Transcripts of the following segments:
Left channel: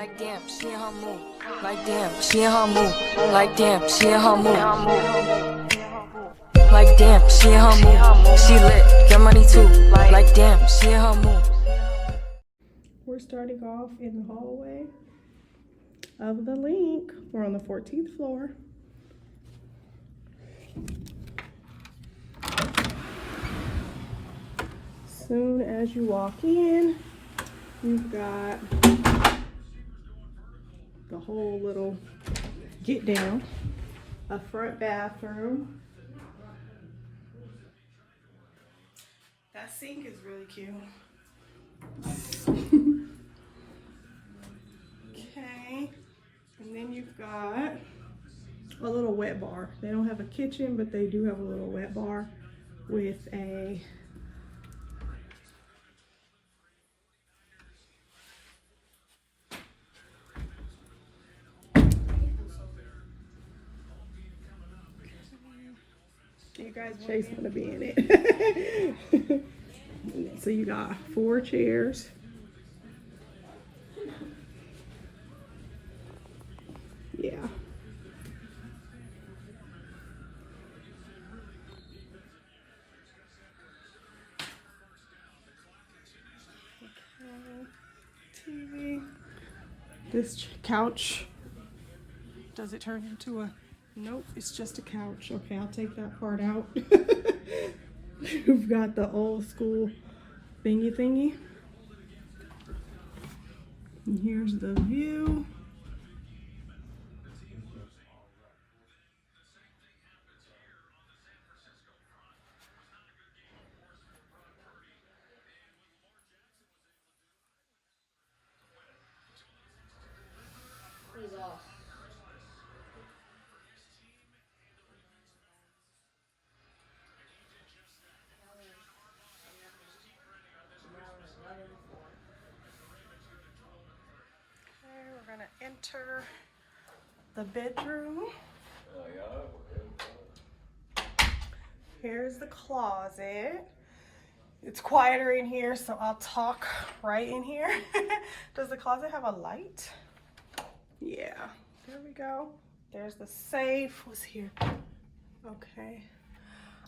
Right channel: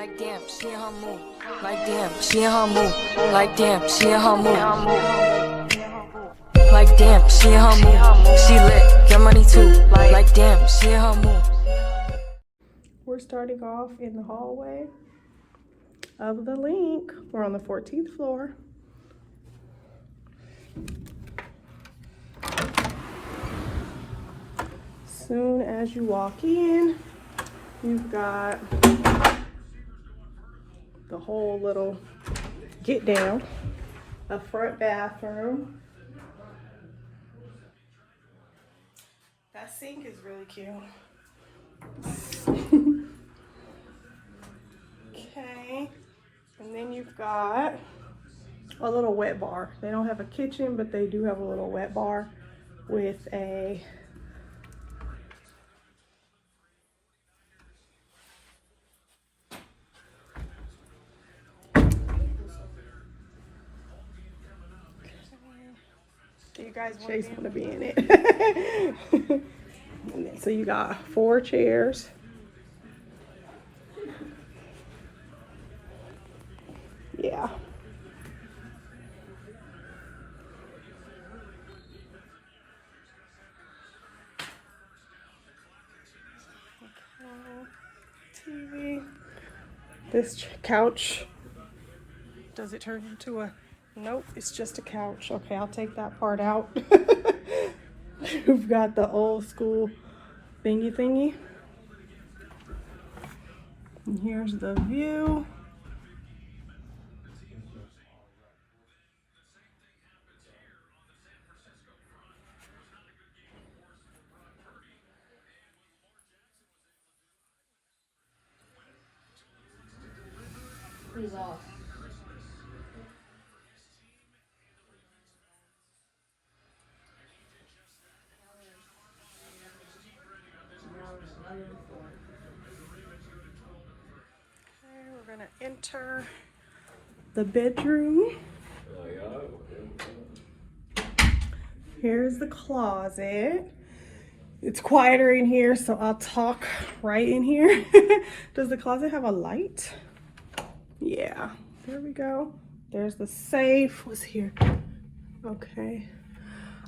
Like damn, she in her mood. Like damn, she in her mood. Like damn, she in her mood. Like damn, she in her mood. She lit, get money too. Like damn, she in her mood. We're starting off in the hallway of the LINQ. We're on the 14th floor. Soon as you walk in, you've got the whole little get down, a front bathroom. That sink is really cute. Okay, and then you've got a little wet bar. They don't have a kitchen, but they do have a little wet bar with a you guys Jay's gonna be in it. And then, so you got 4 chairs. Yeah. TV. This couch, does it turn into a, nope, it's just a couch. Okay, I'll take that part out. You've got the old school thingy. And here's the view. We're gonna enter the bedroom. Here's the closet. It's quieter in here, so I'll talk right in here. Does the closet have a light? Yeah, there we go. There's the safe. What's here? Okay.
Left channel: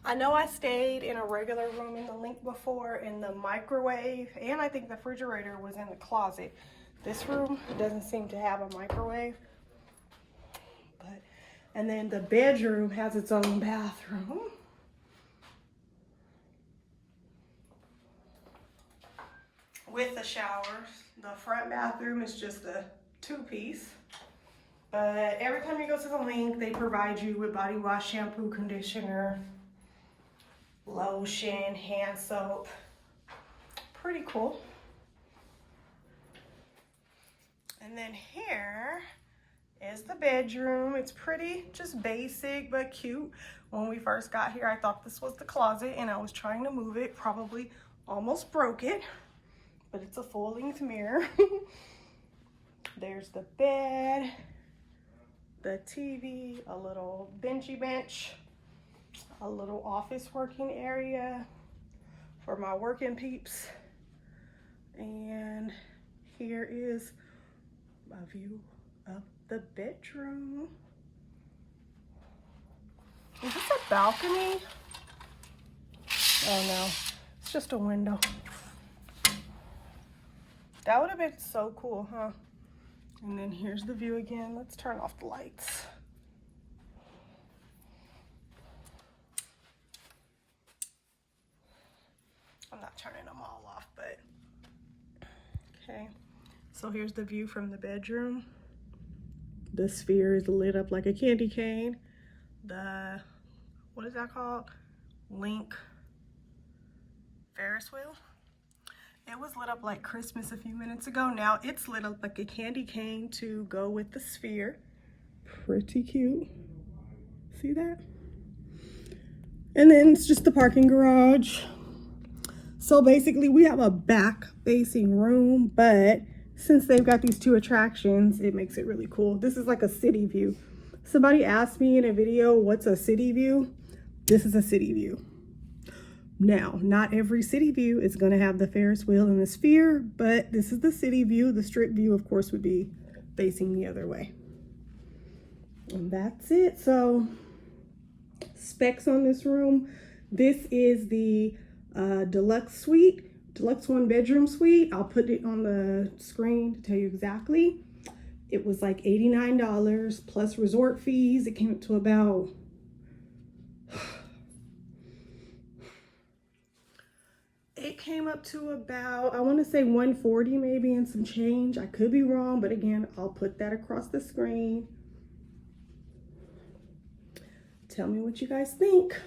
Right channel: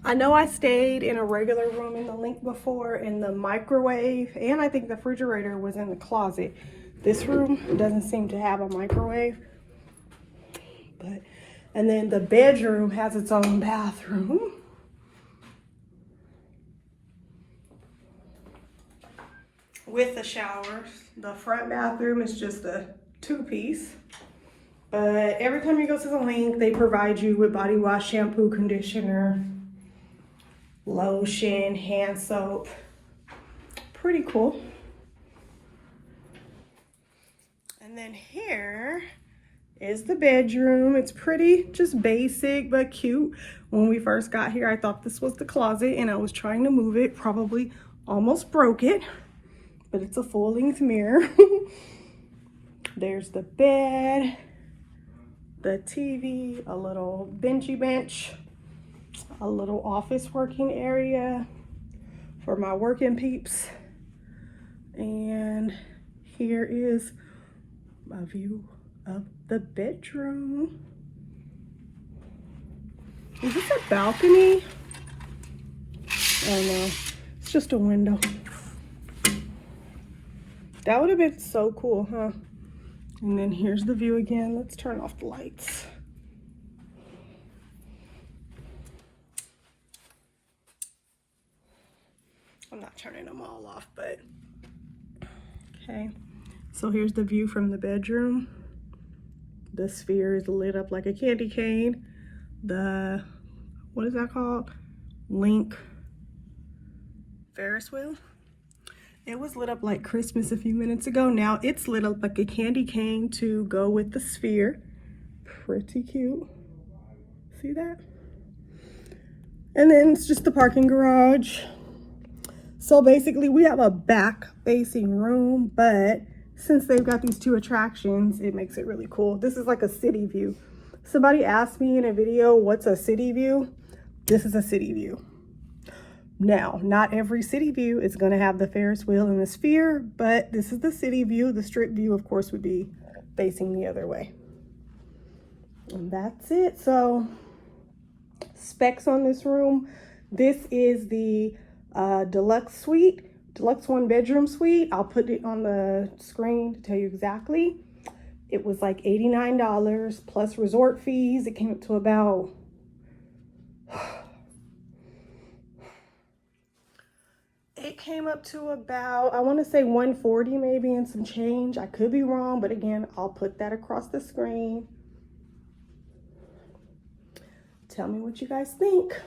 I know I stayed in a regular room in the LINQ before, and the microwave and I think the refrigerator was in the closet. This room doesn't seem to have a microwave. And then the bedroom has its own bathroom. With the showers. The front bathroom is just a 2-piece. But every time you go to the LINQ, they provide you with body wash, shampoo, conditioner, lotion, hand soap. Pretty cool. And then here is the bedroom. It's pretty, just basic, but cute. When we first got here, I thought this was the closet and I was trying to move it, probably almost broke it, but it's a full-length mirror. There's the bed, the TV, a little benchy bench, a little office working area for my working peeps. And here is a view of the bedroom. Is this a balcony? Oh no, it's just a window. That would have been so cool, huh? And then here's the view again. Let's turn off the lights. I'm not turning them all off, but okay. So here's the view from the bedroom. The sphere is lit up like a candy cane. The, what is that called? LINQ Ferris wheel. It was lit up like Christmas a few minutes ago. Now it's lit up like a candy cane to go with the sphere. Pretty cute. See that? And then it's just the parking garage. So basically we have a back facing room, but since they've got these 2 attractions, it makes it really cool. This is like a city view. Somebody asked me in a video, what's a city view? This is a city view. Now, not every city view is going to have the Ferris wheel and the sphere, but this is the city view. The strip view, of course, would be facing the other way. And that's it. So specs on this room. This is the deluxe suite, deluxe 1-bedroom suite. I'll put it on the screen to tell you exactly. It was like $89 plus resort fees. It came up to about I want to say $140 maybe and some change. I could be wrong, but again, I'll put that across the screen. Tell me what you guys think.